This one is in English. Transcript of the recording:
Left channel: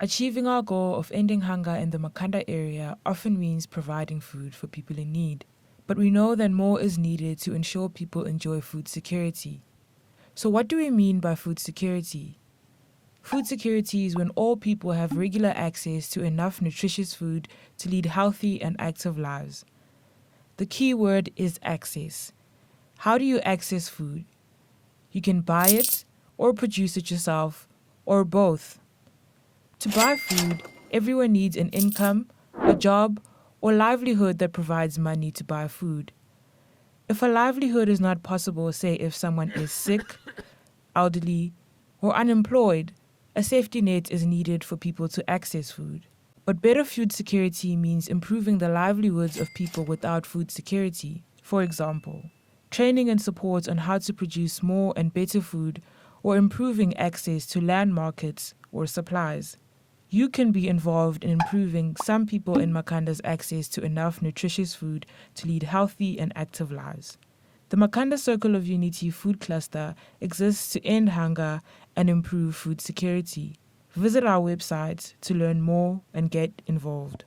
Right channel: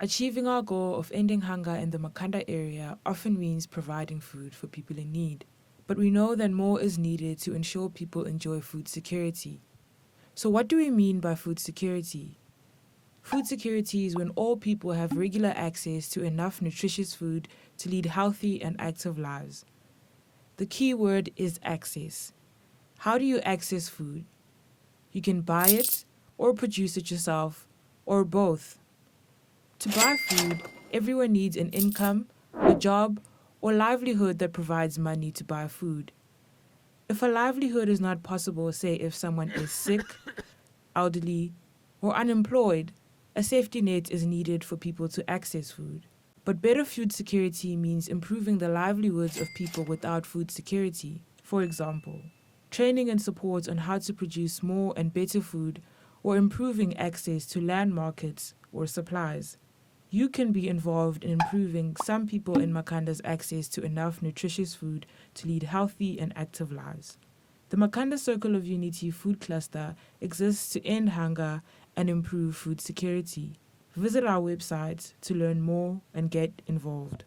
Achieving our goal of ending hunger in the Makhanda area often means providing food for people in need. But we know that more is needed to ensure people enjoy food security. So what do we mean by food security? Food security is when all people have regular access to enough nutritious food to lead healthy and active lives. The key word is access. How do you access food? You can buy it or produce it yourself, or both. To buy food, everyone needs an income, a job, or livelihood that provides money to buy food. If a livelihood is not possible, say if someone is sick, elderly, or unemployed, a safety net is needed for people to access food. But better food security means improving the livelihoods of people without food security. For example, training and support on how to produce more and better food, or improving access to land markets or supplies. You can be involved in improving some people in Makhanda's access to enough nutritious food to lead healthy and active lives. The Makhanda Circle of Unity Food Cluster exists to end hunger and improve food security. Visit our website to learn more and get involved.